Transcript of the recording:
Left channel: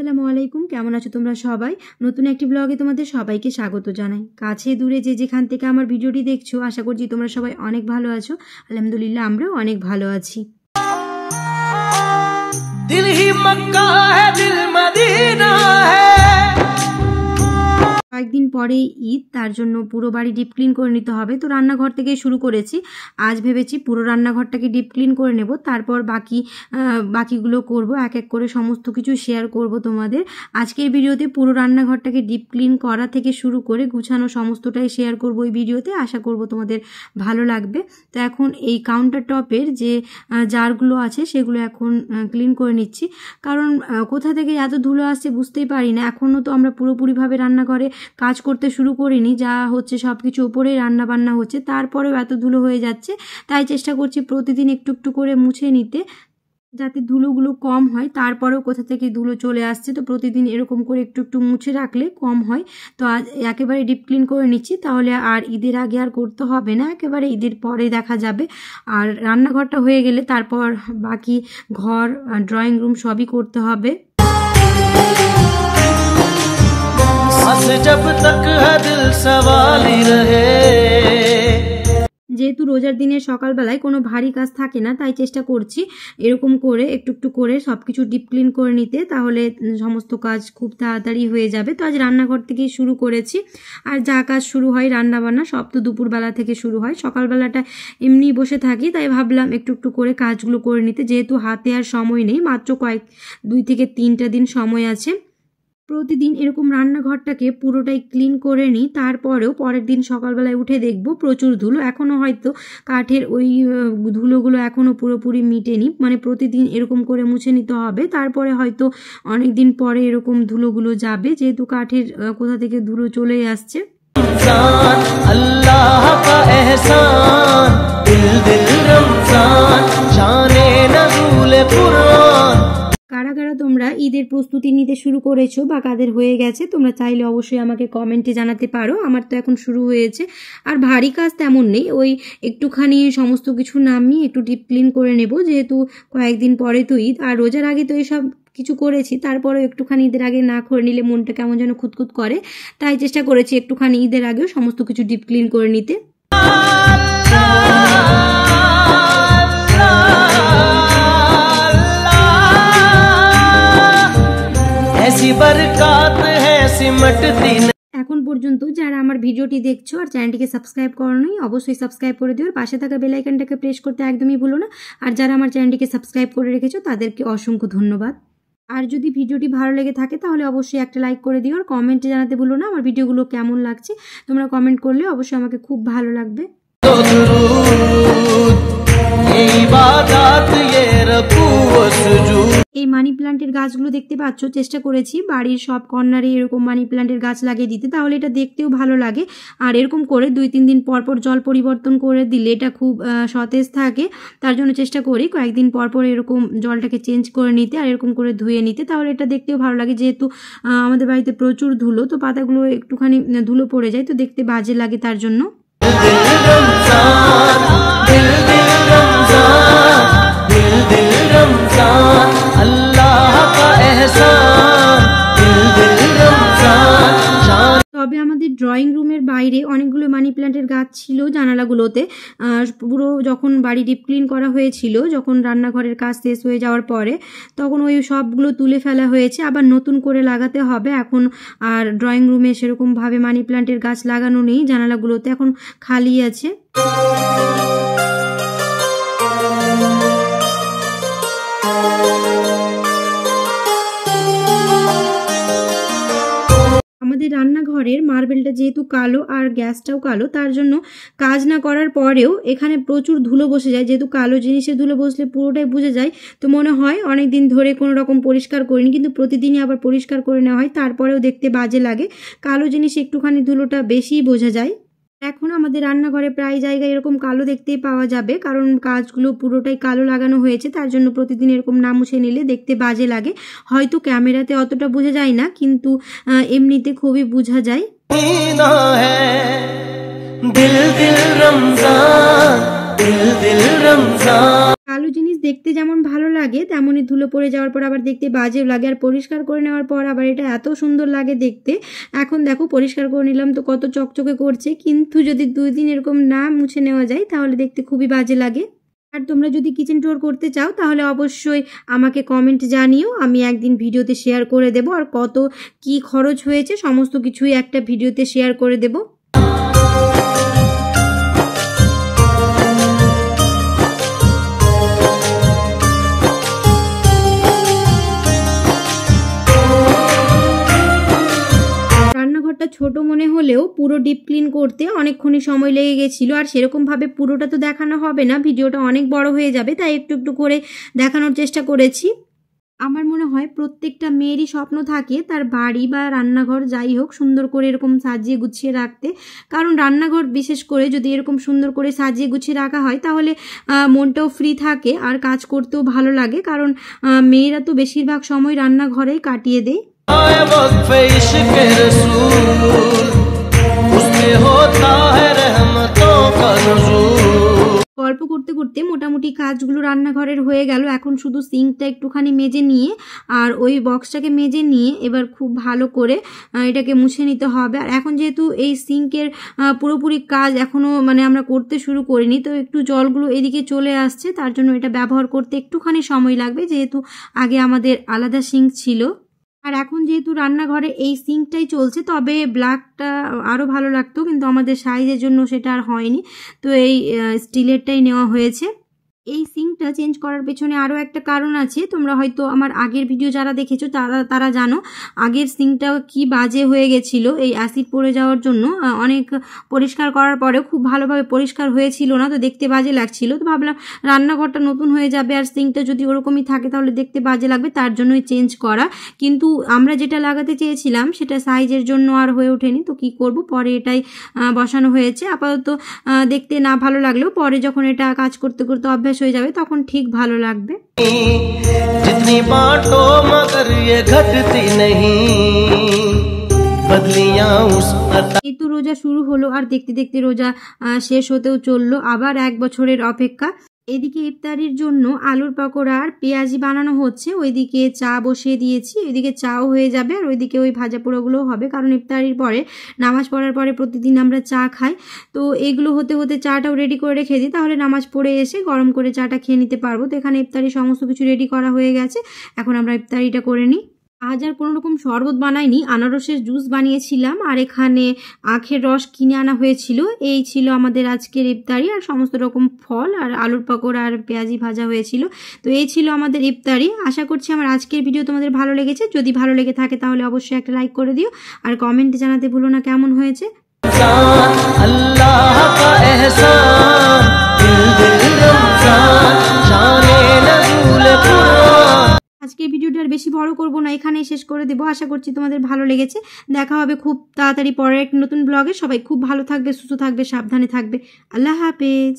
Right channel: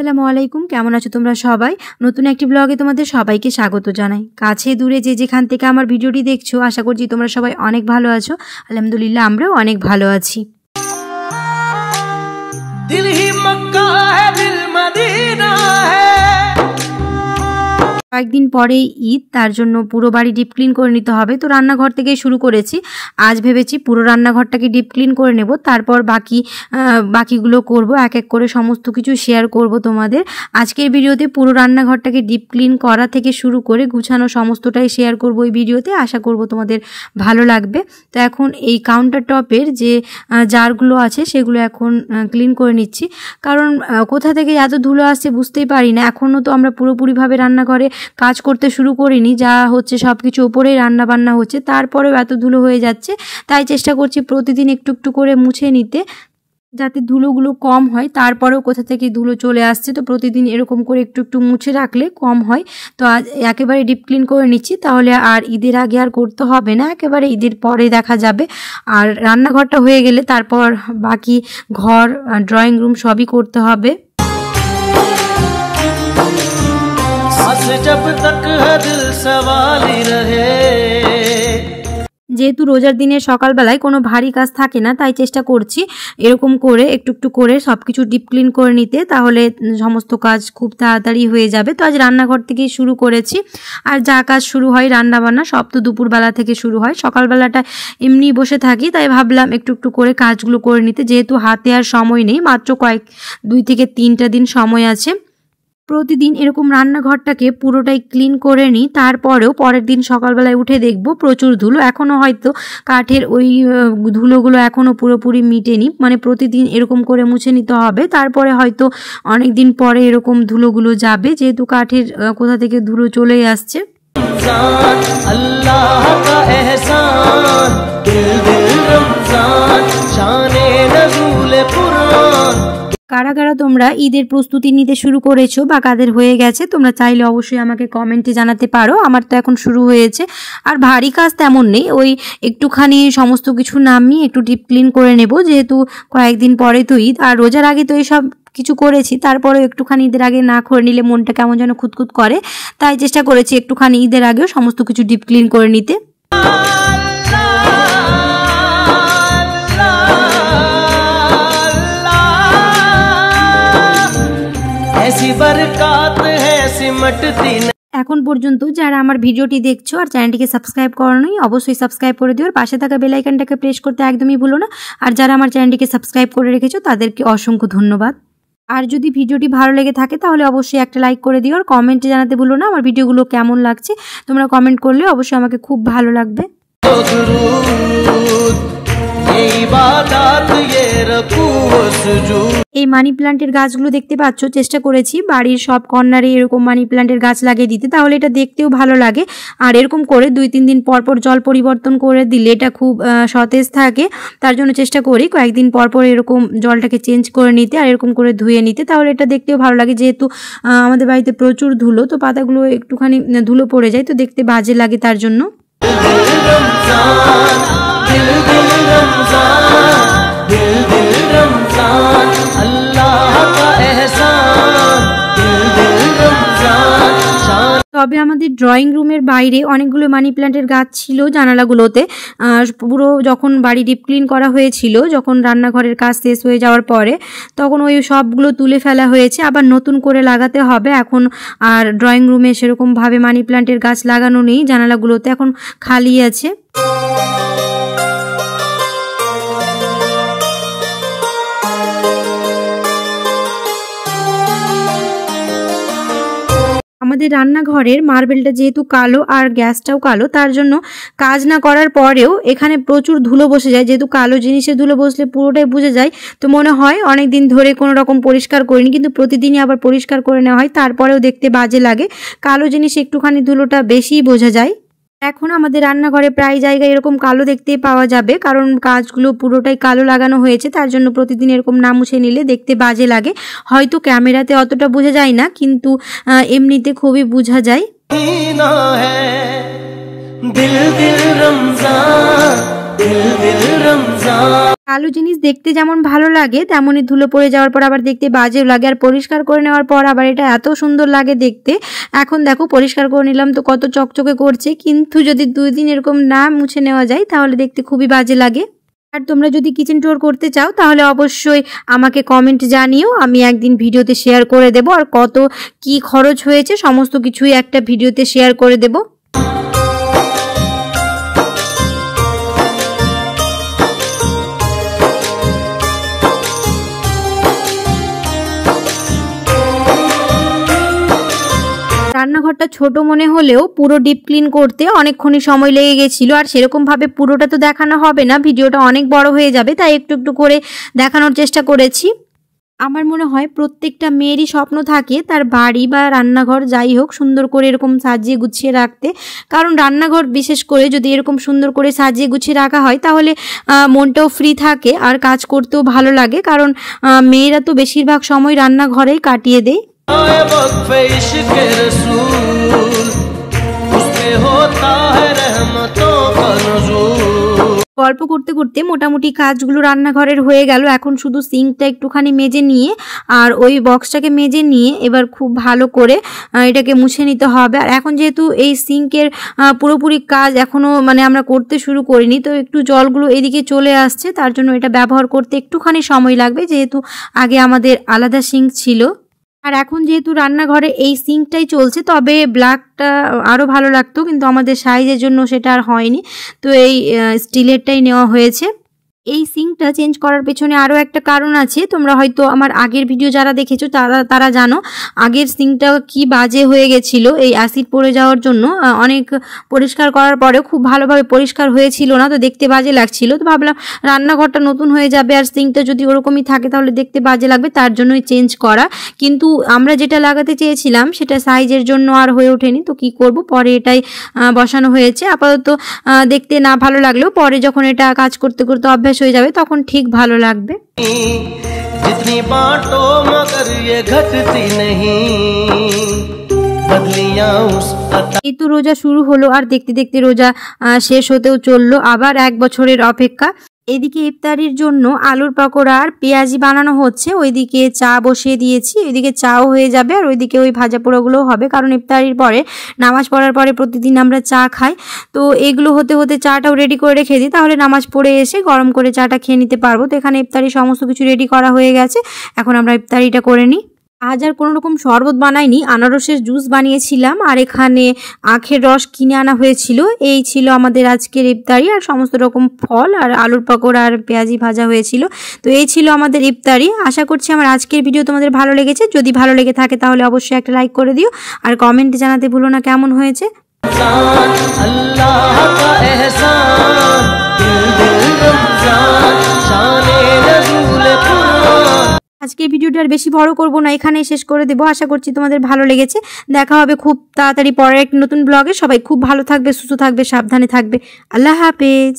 আসসালামু আলাইকুম, কেমন আছো তোমরা সবাই? নতুন একটি ব্লগে তোমাদের সবাইকে স্বাগত জানাই। কাছে দূরে যে যেখান থেকে আমার ভিডিওটি দেখছো, আশা করছি তোমরা সবাই অনেক ভালো আছো। আলহামদুলিল্লাহ, আমরাও অনেক ভালো আছি। দিল হি মক্কা হ্যায়, দিল মদিনা হ্যায়। কয়েকদিন পরেই ঈদ, তার জন্য পুরো বাড়ি ডিপ ক্লিন করে নিতে হবে। তো রান্নাঘর থেকেই শুরু করেছি। আজ ভেবেছি পুরো রান্নাঘরটাকে ডিপ ক্লিন করে নেব, তারপর বাকিগুলো করব। এক এক করে সমস্ত কিছু শেয়ার করব তোমাদের। আজকের ভিডিওতে পুরো রান্নাঘরটাকে ডিপ ক্লিন করা থেকে শুরু করে গুছানো সমস্তটাই শেয়ার করব এই ভিডিওতে। আশা করব তোমাদের ভালো লাগবে। তো এখন এই কাউন্টার টপের যে জারগুলো আছে সেগুলো এখন ক্লিন করে নিচ্ছি, কারণ কোথা থেকে এত ধুলো আসছে বুঝতেই পারি না। এখনও তো আমরা পুরোপুরিভাবে রান্নাঘরে কাজ করতে শুরু করিনি, যা হচ্ছে সব কিছু ওপরেই রান্না বান্না হচ্ছে, তারপরেও এত ধুলো হয়ে যাচ্ছে। তাই চেষ্টা করছি প্রতিদিন একটু একটু করে মুছে নিতে, যাতে ধুলোগুলো কম হয়। তারপরেও কোথা থেকে ধুলো চলে আসছে, তো প্রতিদিন এরকম করে একটু একটু মুছে রাখলে কম হয়। তো আজ একেবারে ডিপ ক্লিন করে নিচ্ছি, তাহলে আর ঈদের আগে আর করতে হবে না, একেবারে ঈদের পরে দেখা যাবে। আর রান্নাঘরটা হয়ে গেলে তারপর বাকি ঘর, ড্রয়িং রুম সবই করতে হবে। जब तक है दिल सवाली रहे। যেহেতু রোজার দিনের সকালবেলায় কোনো ভারী কাজ থাকে না, তাই চেষ্টা করছি এরকম করে একটু একটু করে সব কিছু ডিপ ক্লিন করে নিতে, তাহলে সমস্ত কাজ খুব তাড়াতাড়ি হয়ে যাবে। তো আজ রান্নাঘর থেকেই শুরু করেছি। আর যা কাজ শুরু হয় রান্নাবান্না সব তো দুপুরবেলা থেকে শুরু হয়। সকালবেলাটা এমনি বসে থাকি, তাই ভাবলাম একটু একটু করে কাজগুলো করে নিতে, যেহেতু হাতে আর সময় নেই, মাত্র 2 থেকে 3টা দিন সময় আছে। প্রতিদিন এরকম রান্নাঘরটাকে পুরোটাই ক্লিন করে নিই, তারপরেও পরের দিন সকালবেলায় উঠে দেখব প্রচুর ধুলো। এখনও হয়তো কাঠের ওই ধুলোগুলো এখনও পুরোপুরি মিটেনি, মানে প্রতিদিন এরকম করে মুছে নিতে হবে। তারপরে হয়তো অনেক দিন পরে এরকম ধুলোগুলো যাবে, যেহেতু কাঠের কোথা থেকে ধুলো চলেই আসছে। আল্লাহ কা এহসান, দিল দিল রমজান, শানে নজুলে কুরআন। কারা কারা তোমরা ঈদের প্রস্তুতি নিতে শুরু করেছো বা কাদের হয়ে গেছে, তোমরা চাইলে অবশ্যই আমাকে কমেন্টে জানাতে পারো। আমার তো এখন শুরু হয়েছে, আর ভারী কাজ তেমন নেই, ওই একটুখানি সমস্ত কিছু নামিয়ে একটু ডিপ ক্লিন করে নেব, যেহেতু কয়েকদিন পরে তো ঈদ। আর রোজার আগে তো এইসব কিছু করেছি, তারপরেও একটুখানি ঈদের আগে না করে নিলে মনটা কেমন যেন খুঁতখুত করে, তাই চেষ্টা করেছি একটুখানি ঈদের আগেও সমস্ত কিছু ডিপ ক্লিন করে নিতে। এখন পর্যন্ত যারা আমার ভিডিওটি দেখছো আর চ্যানেলটিকে সাবস্ক্রাইব করোনি, অবশ্যই সাবস্ক্রাইব করে দিও, আর পাশে থাকা বেল আইকনটাকে প্রেস করতে একদমই ভুলো না। আর যারা আমার চ্যানেলটিকে সাবস্ক্রাইব করে রেখেছো তাদেরকে অসংখ্য ধন্যবাদ। আর যদি ভিডিওটি ভালো লেগে থাকে তাহলে অবশ্যই একটা লাইক করে দিও, আর কমেন্টে জানাতে ভুলো না আমার ভিডিওগুলো কেমন লাগছে। তোমরা কমেন্ট করলে অবশ্যই আমাকে খুব ভালো লাগবে। এই মানি প্ল্যান্টের গাছগুলো দেখতে পাচ্ছ, চেষ্টা করেছি বাড়ির সব কর্নারে এরকম মানি প্ল্যান্টের গাছ লাগিয়ে দিতে, তাহলে এটা দেখতেও ভালো লাগে। আর এরকম করে 2-3 দিন পর পর জল পরিবর্তন করে দিলে এটা খুব সতেজ থাকে। তার জন্য চেষ্টা করি কয়েকদিন পর পর এরকম জলটাকে চেঞ্জ করে নিতে, আর এরকম করে ধুয়ে নিতে, তাহলে এটা দেখতেও ভালো লাগে। যেহেতু আমাদের বাড়িতে প্রচুর ধুলো, তো পাতাগুলো একটুখানি ধুলো পড়ে যায়, তো দেখতে বাজে লাগে, তার জন্য। তবে আমাদের ড্রয়িং রুমের বাইরে অনেকগুলো মানি প্ল্যান্টের গাছ ছিল জানালাগুলোতে। পুরো যখন বাড়ি ডিপ ক্লিন করা হয়েছিল, যখন রান্নাঘরের কাজ শেষ হয়ে যাওয়ার পরে, তখন ওই সবগুলো তুলে ফেলা হয়েছে, আবার নতুন করে লাগাতে হবে এখন। আর ড্রয়িং রুমে সেরকমভাবে মানি প্ল্যান্টের গাছ লাগানো নেই, জানালাগুলোতে এখন খালি আছে। আমাদের রান্নাঘরের মার্বেলটা যেহেতু কালো আর গ্যাসটাও কালো, তার জন্য কাজ না করার পরেও এখানে প্রচুর ধুলো বসে যায়। যেহেতু কালো জিনিসে ধুলো বসলে পুরোটাই বুঝে যায়, তো মনে হয় অনেক দিন ধরে কোনো রকম পরিষ্কার করিনি, কিন্তু প্রতিদিনই আবার পরিষ্কার করে নেওয়া হয়, তারপরেও দেখতে বাজে লাগে। কালো জিনিসে একটুখানি ধুলোটা বেশিই বোঝা যায়। এখন আমাদের রান্নাঘরে প্রায় জায়গায় এরকম কালো দেখতে পাওয়া যাবে, কারণ কাজগুলো পুরোটাই কালো লাগানো হয়েছে, তার জন্য প্রতিদিন এরকম না মুছে নিলে দেখতে বাজে লাগে। হয়তো ক্যামেরাতে অতটা বোঝা যায় না, কিন্তু এমনিতে খুবই বোঝা যায়। কালো জিনিস দেখতে যেমন ভালো লাগে তেমনই ধুলো পড়ে যাওয়ার পর আবার দেখতে বাজেও লাগে, আর পরিষ্কার করে নেওয়ার পর আবার এটা এত সুন্দর লাগে দেখতে। এখন দেখো পরিষ্কার করে নিলাম তো কত চকচকে করছে, কিন্তু যদি 2 দিন এরকম না মুছে নেওয়া যায় তাহলে দেখতে খুবই বাজে লাগে। আর তোমরা যদি কিচেন ট্যুর করতে চাও তাহলে অবশ্যই আমাকে কমেন্ট জানিও, আমি একদিন ভিডিওতে শেয়ার করে দেব। আর কত কি খরচ হয়েছে সমস্ত কিছুই একটা ভিডিওতে শেয়ার করে দেব। রান্নাঘরটা ছোট মনে হলেও পুরো ডিপ ক্লিন করতে অনেকক্ষণই সময় লেগে গেছিলো, আর সেরকমভাবে পুরোটা তো দেখানো হবে না, ভিডিওটা অনেক বড় হয়ে যাবে, তাই একটু একটু করে দেখানোর চেষ্টা করেছি। আমার মনে হয় প্রত্যেকটা মেয়েরই স্বপ্ন থাকে তার বাড়ি বা রান্নাঘর যাই হোক সুন্দর করে এরকম সাজিয়ে গুছিয়ে রাখতে, কারণ রান্নাঘর বিশেষ করে যদি এরকম সুন্দর করে সাজিয়ে গুছিয়ে রাখা হয় তাহলে মনটাও ফ্রি থাকে আর কাজ করতেও ভালো লাগে, কারণ মেয়েরা তো বেশিরভাগ সময় রান্নাঘরেই কাটিয়ে দেয়। গল্প করতে করতে মোটামুটি কাজগুলো রান্নাঘরের হয়ে গেল। এখন শুধু সিঙ্কটা একটুখানি মেজে নিয়ে আর ওই বক্সটাকে মেজে নিয়ে এবার খুব ভালো করে এটাকে মুছে নিতে হবে। আর এখন যেহেতু এই সিঙ্কের পুরোপুরি কাজ এখনও মানে আমরা করতে শুরু করিনি, তো একটু জলগুলো এদিকে চলে আসছে, তার জন্য এটা ব্যবহার করতে একটুখানি সময় লাগবে, যেহেতু আগে আমাদের আলাদা সিঙ্ক ছিল। আর এখন যেহেতু রান্নাঘরে এই সিঙ্কটাই চলছে, তবে ব্ল্যাকটা আরও ভালো লাগতো, কিন্তু আমাদের সাইজের জন্য সেটা আর হয়নি, তো এই স্টিলেরটাই নেওয়া হয়েছে। এই সিঙ্কটা চেঞ্জ করার পেছনে আরও একটা কারণ আছে, তোমরা হয়তো আমার আগের ভিডিও যারা দেখেছো তারা জানো আগের সিঙ্কটা কি বাজে হয়ে গেছিলো এই অ্যাসিড পড়ে যাওয়ার জন্য। অনেক পরিষ্কার করার পরেও খুব ভালোভাবে পরিষ্কার হয়েছিল না, তো দেখতে বাজে লাগছিল। তো ভাবলাম রান্নাঘরটা নতুন হয়ে যাবে আর সিঙ্কটা যদি ওরকমই থাকে তাহলে দেখতে বাজে লাগবে, তার জন্যই চেঞ্জ করা। কিন্তু আমরা যেটা লাগাতে চেয়েছিলাম সেটা সাইজের জন্য আর হয়ে ওঠেনি, তো কি করব, পরে এটাই বসানো হয়েছে। আপাতত দেখতে না ভালো লাগলেও পরে যখন এটা কাজ করতে করতে অভ্যাস হয়ে যাবে তখন ঠিক ভালো লাগবে। जितनी बांटो मगर ये घटती नहीं बदलियां उस এই তো রোজা শুরু হলো আর দেখতে দেখতে রোজা শেষ হতেও চললো, আবার 1 বছরের অপেক্ষা। এদিকে ইফতারির জন্য আলুর পকোড়া আর পেঁয়াজি বানানো হচ্ছে, ওইদিকে চা বসিয়ে দিয়েছি, এদিকে চাও হয়ে যাবে আর ওইদিকে ওই ভাজা পোড়াগুলোও হবে, কারণ ইফতারির পরে নামাজ পড়ার পরে প্রতিদিন আমরা চা খাই, তো এগুলো হতে হতে চাটাও রেডি করে রেখে দিই, তাহলে নামাজ পড়ে এসে গরম করে চাটা খেয়ে নিতে পারবো। তো এখানে ইফতারির সমস্ত কিছু রেডি করা হয়ে গেছে, এখন আমরা ইফতারিটা করে নিই। আজ আর কোনো রকম শরবত বানাইনি, আনারসের জুস বানিয়েছিলাম আর এখানে আখের রস কিনে আনা হয়েছিল। এই ছিল আমাদের আজকের ইফতারি, আর সমস্ত রকম ফল আর আলুর পকোড়া আর পেঁয়াজি ভাজা হয়েছিল। তো এই ছিল আমাদের ইফতারি। আশা করছি আমার আজকের ভিডিও তোমাদের ভালো লেগেছে, যদি ভালো লেগে থাকে তাহলে অবশ্যই একটা লাইক করে দিও আর কমেন্টে জানাতে ভুলো না কেমন হয়েছে। अल्लाह का एहसान दिल दिल रमजान शाने नज़ूल कुरान। আজকের ভিডিওটা আর বেশি বড় করব না, এখানেই শেষ করে দেবো। আশা করছি তোমাদের ভালো লেগেছে। দেখা হবে খুব তাড়াতাড়ি পরের এক নতুন ব্লগে। সবাই খুব ভালো থাকবে, সুস্থ থাকবে, সাবধানে থাকবে। আল্লাহ হাফেজ।